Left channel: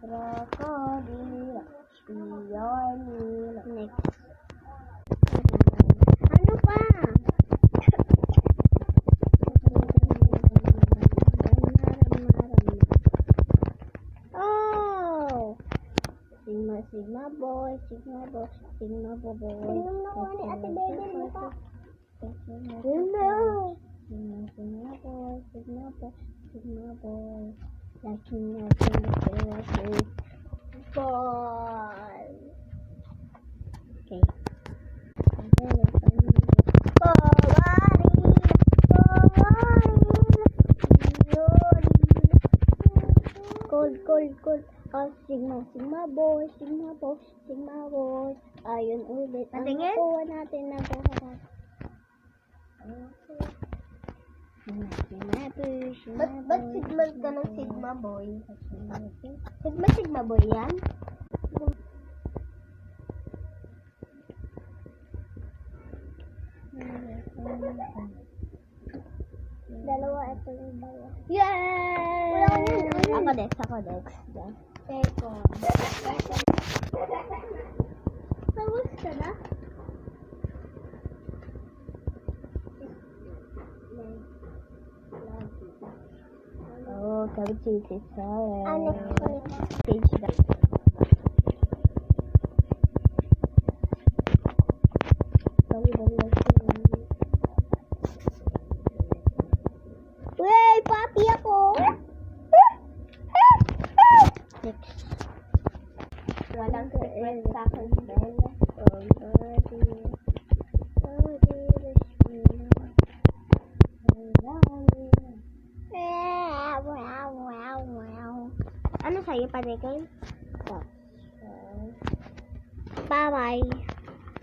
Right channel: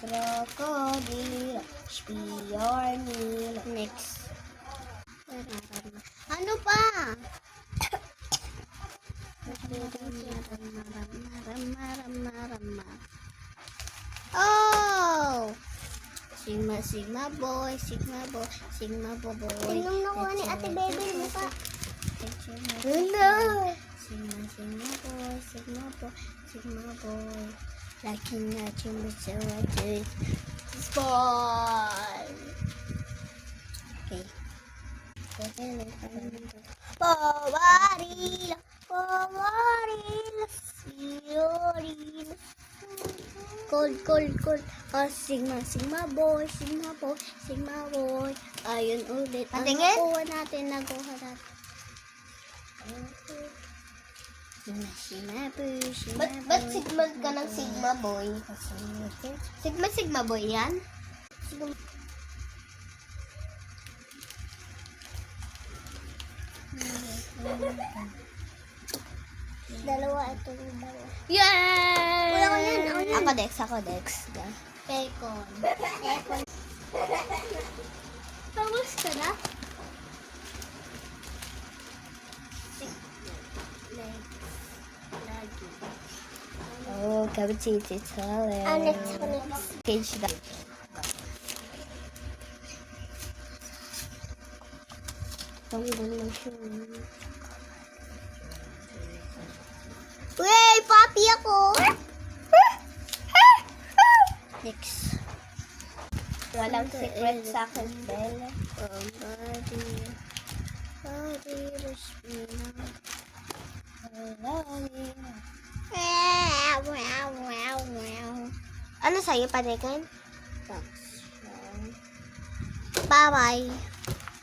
Krokodil, spiornil. Next. Ano pa? Oh! Sigma boy, Sigma boy. Sinong nakuha ni Ate Bebe mo pa? Hello! Sigma boy. Laki na sumasagot. Ball! Okay. Cold. Oh, Sigma boy. Ayun ulit. Ang Patingin? nakuha natin. Sigma boy. Ba't Sigma ka ng Sigma boy? Sigma boy yan? Dalawa itong dalawa. Yay! Wala ko yun. Ako Dex. Pekon. Tapos ka na? Lagi. Oh, kabitsiti challenge. Next. Page na. Dali. Wey, papi ako. Next. Walang secret sa akin, Bel. Ano sa'yo, Panikin? Bye-bye.